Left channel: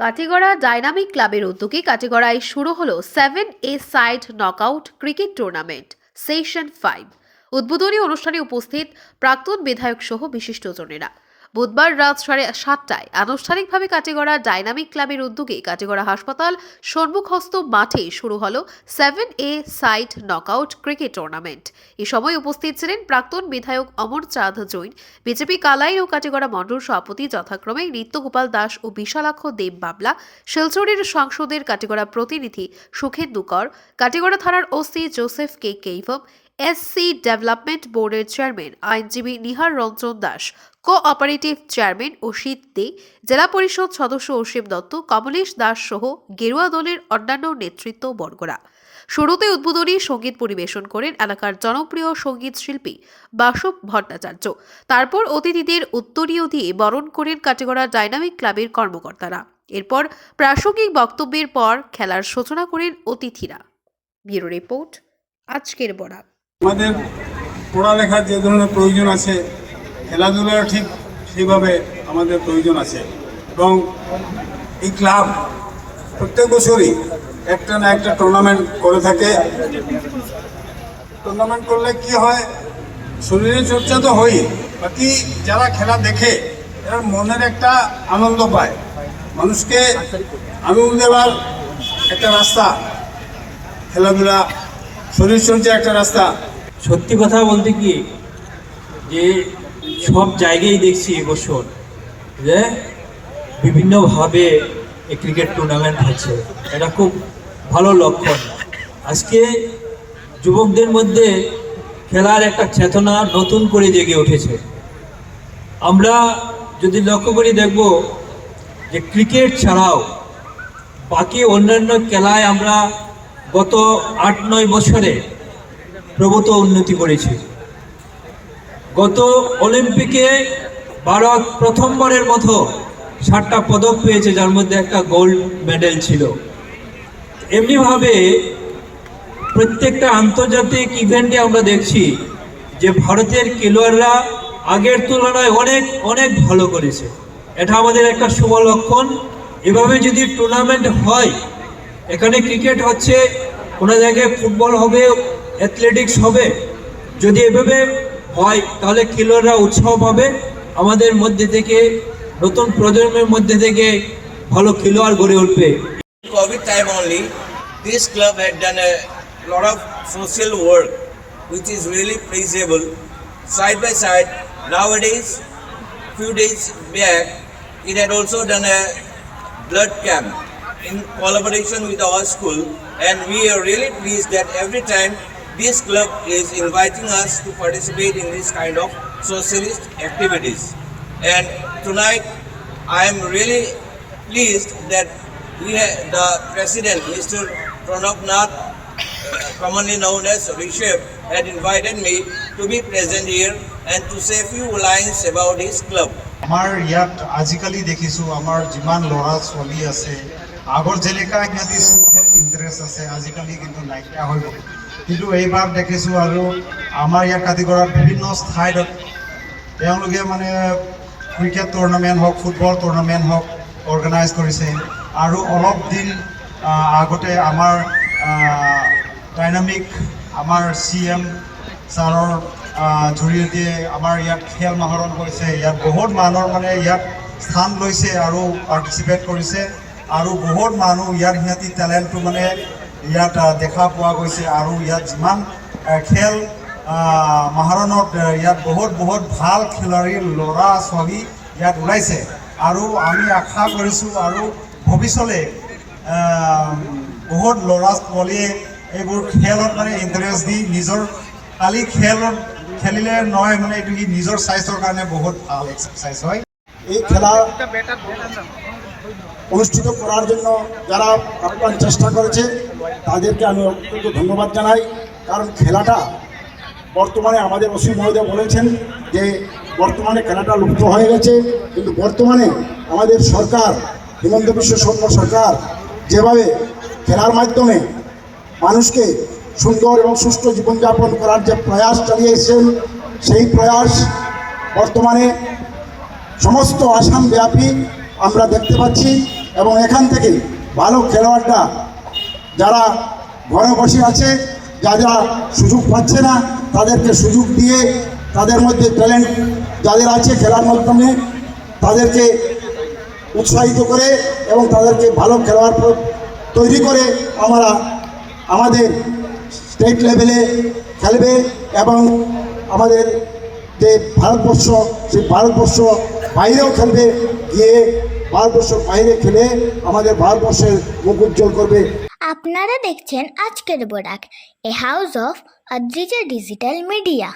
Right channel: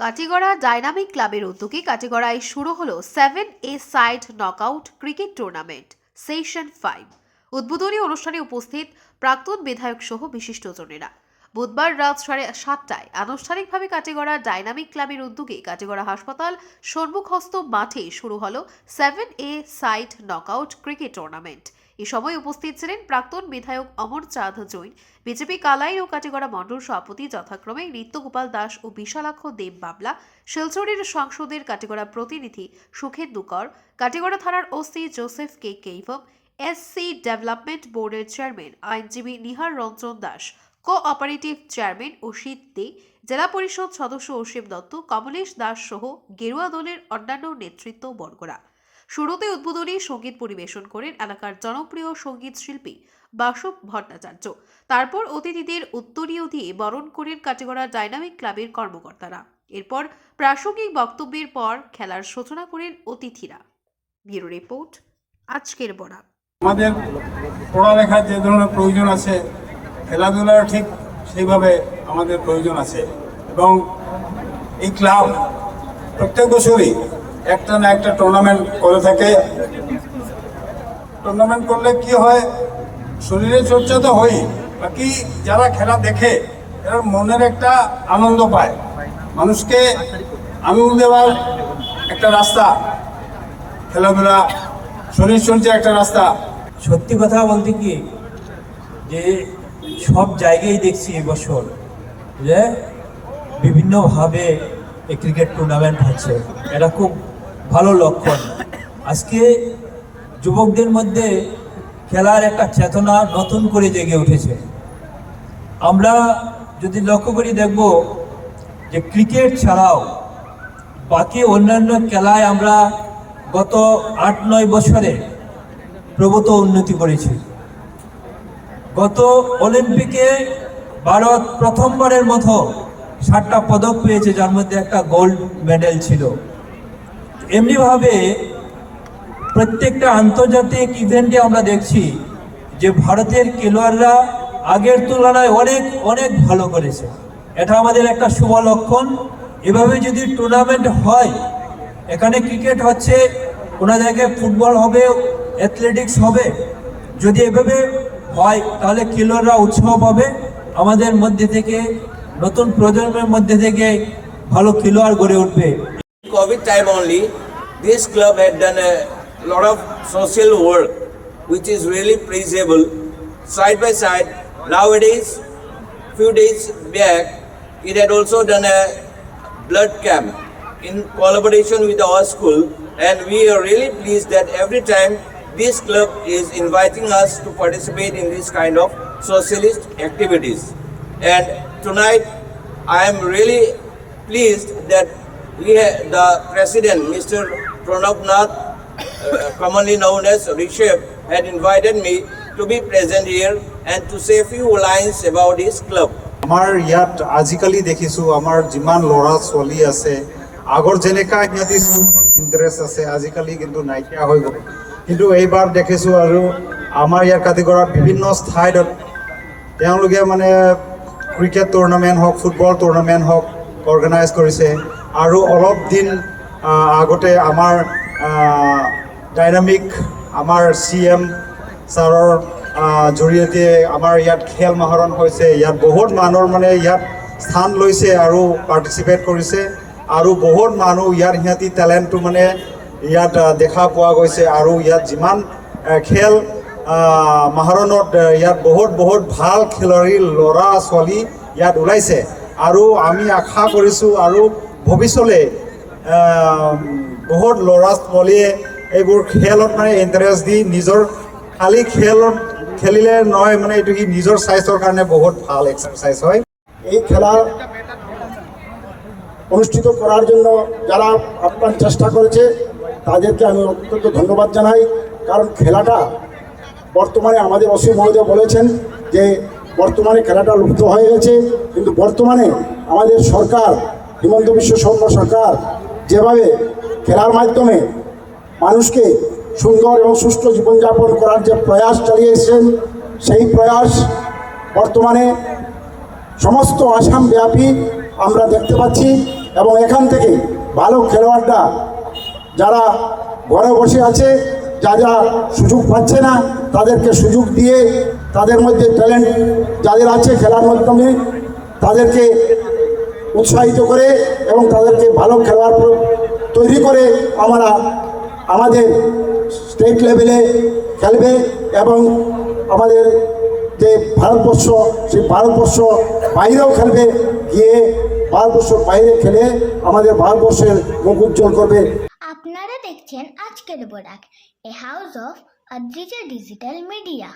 Katigorah dynamic ক্লাবের উদ্যোগে কাটিগড়ায় শুরু হলো 7A side knockout cricket tournament session 5। উদ্বোধনী অনুষ্ঠানে উপস্থিত প্রাক্তন বিধায়ক সহ বিশিষ্টজনেরা। বুধবার রাত 7:30টায় আনুষ্ঠানিকভাবে কাটিগড়া ডাইনামিক ক্লাবের উদ্যোগে কাটিগড়া হাসপাতাল সম্মুখস্থ মাঠে শুরু হলো 7A side knockout cricket tournament. এই সময় উপস্থিত ছিলেন প্রাক্তন বিধায়ক অমর চাঁদ জৈন, বিজেপি কালাই ও কাটিগড়া মণ্ডল সভাপতি যথাক্রমে নিত্যগোপাল দাস ও বিশালাক্ষ দেব বাবলা, শিলচরের সাংসদের কাটিগড়া প্রতিনিধি সুখেন্দু কর, কাটিগড়া থানার ওসি জোসেফ কে কেইভম, এসসি ডেভেলপমেন্ট বোর্ডের চেয়ারম্যান আইনজীবী নিহার রঞ্জন দাস, কোঅপারেটিভ চেয়ারম্যান অসিত দে, জেলা পরিষদ সদস্য অসীম দত্ত, কমলেশ দাস সহ গেরুয়া দলের অন্যান্য নেতৃত্ববর্গরা। শুরুতে উদ্বোধনী সঙ্গীত পরিবেশন করেন এলাকার জনপ্রিয় সঙ্গীত শিল্পী বাসব ভট্টাচার্য। তারপর অতিথিদের উত্তরীয় দিয়ে বরণ করেন কাটিগড়া ডাইনামিক ক্লাবের কর্মকর্তারা। এরপর প্রাসঙ্গিক বক্তব্যের পর খেলার সূচনা করেন অতিথিরা। ব্যুরো রিপোর্ট, আজকের বরাক। আমাদের পড়ালেখার যে ধরনের প্রয়োজন আছে, খেলাধুলার ঠিক সেইভাবে আমাদের প্রয়োজন আছে এবং এই ক্লাব প্রত্যেক বছরই একটা না একটা টুর্নামেন্ট করে থাকে। টুর্নামেন্ট করলে কি হয়, শরীরের চর্চা তো হয়, বাকি যারা খেলা দেখে তারা মনের একটা আনন্দ পায়। মানুষকে আনন্দ দেওয়ার একটা রাস্তা খেলাধুলা, শরীর চর্চা একটা রাস্তা। সত্যি কথা বলতে কি যে সব জায়গায় দেখছি এবছর যে বিভিন্নভাবে এই ক্রিকেট টুর্নামেন্ট হচ্ছে, এটা খুব ভালো লক্ষণ। আজকে যুবকদের মধ্যে খেলার একটা চেতনা নতুন করে জেগে উঠেছে। আমরা যদি লক্ষ্য করে দেখব যে ক্রিকেট ছাড়াও বাকি অন্যান্য খেলায় আমরা গত 8-9 বছরে প্রভূত উন্নতি করেছি। গত অলিম্পিকে ভারত প্রথমবারের মতো 7টা পদক পেয়েছে, যার মধ্যে একটা গোল্ড মেডেল ছিল। এমনিভাবে প্রত্যেকটা আন্তর্জাতিক ইভেন্টে আমরা দেখছি যে ভারতের খেলোয়াড়রা আগের তুলনায় অনেক অনেক ভালো করেছে। এটা আমাদের একটা শুভ লক্ষণ। এভাবে যদি টুর্নামেন্ট হয়, এখানে ক্রিকেট হচ্ছে, কোনো জায়গায় ফুটবল হবে, অ্যাথলেটিক্স হবে, যদি এভাবে হয় তাহলে খেলোয়াড়রা উৎসাহ পাবে। আমাদের মধ্যে থেকে নতুন প্রজন্মের মধ্যে থেকে ভালো খেলোয়াড় গড়ে উঠবে। COVID time only, this club had done a lot of social work, which is really praisable. Side by side, nowadays, few days back, it had also done a blood camp in collaboration with our school, and we are really pleased that every time this club is inviting us to participate in this kind of socialist activities. And tonight, I am really pleased that the president, Mr. Pranab Nath, commonly known as Rishabh, had invited me to be present here and to say a few lines about his club. আমাৰ ইয়াত আজিকালি দেখিছোঁ আমাৰ যিমান ল'ৰা ছোৱালী আছে, আগৰ যেনেকা সিহঁতি ইণ্টাৰেষ্ট আছে, আজিকালি কিন্তু নাইকিয়া হৈ গ'ল। কিন্তু এইবাৰ দেখিছোঁ আৰু আমাৰ ইয়াৰ কাটিগড়াত বিভিন্ন ঠাইত তেওঁলোকে মানে ক্ৰিকেট টুৰ্ণামেণ্ট হওক, ফুটবল টুৰ্ণামেণ্ট হওক অৰ্গেনাইজ কৰিছে। আৰু অলপ দিন আগতে আমাৰ ডাইনামিক আমাৰ CM ছাৰৰ জৰিয়তে আমাৰ ইয়াত খেল মহাৰণ হৈছে। ইয়াত বহুত মানুহৰ মানে ইয়াত স্থান লৈছে আৰু পাৰ্টিচিপেট কৰিছে, আৰু বহুত মানুহ ইয়াৰ সিহঁতি টেলেণ্টটো মানে ইয়াত দেখা পোৱা গৈছে। আৰু ইয়াত যিমান খেল মহাৰণত ইয়াত বহুত বহুত ভাল খেলুৱৈ ল'ৰা ছোৱালী ইয়াত ওলাইছে। আৰু আমি আশা কৰিছোঁ আৰু ভৱিষ্যতে বহুত ল'ৰা ছোৱালীয়ে এইবোৰ খেলত মানে ইণ্টাৰেষ্ট দি নিজৰ খালি খেলত খেলিলে নহয়, মানে এইটো কি নিজৰ স্বাস্থ্যৰ কাৰণে বহুত ভাল এক্সাৰচাইজ হয়। এই খেলা অনুষ্ঠিত করার জন্য যারা আপ্রাণ চেষ্টা করেছে তাদেরকে আমি অত্যন্ত ধন্যবাদ জানাই। কারণ খেলাটা বর্তমানে আমাদের অসীম মহোদয় বলেছেন যে বর্তমানে খেলাটা লুপ্ত হয়ে গেছে, কিন্তু বর্তমানে আমাদের সরকার, হিমন্ত বিশ্ব শর্ম সরকার যেভাবে খেলার মাধ্যমে মানুষকে সুন্দর এবং সুষ্ঠু জীবনযাপন করার যে প্রয়াস চালিয়ে এসেছেন, সেই প্রয়াস বর্তমানে সমস্ত আসামব্যাপী আমরা দেখতে পাচ্ছি। এবং এখান থেকে ভালো খেলোয়াড়রা যারা ঘরে বসে আছে, যারা সুযোগ পাচ্ছে না, তাদেরকে সুযোগ দিয়ে তাদের মধ্যে ট্যালেন্ট যাদের আছে খেলার মাধ্যমে তাদেরকে উৎসাহিত করে এবং তাদেরকে ভালো খেলোয়াড় তৈরি করে আমরা আমাদের স্টেট লেভেলে খেলবে এবং আমাদের যে ভারতবর্ষ, সেই ভারতবর্ষ বাইরেও খেলবে, গিয়ে ভারতবর্ষের বাইরে খেলে আমাদের ভারতবর্ষের মুখ উজ্জ্বল করবে। আপনারা দেখছেন আজকের Barak, a house of Adrija digital media.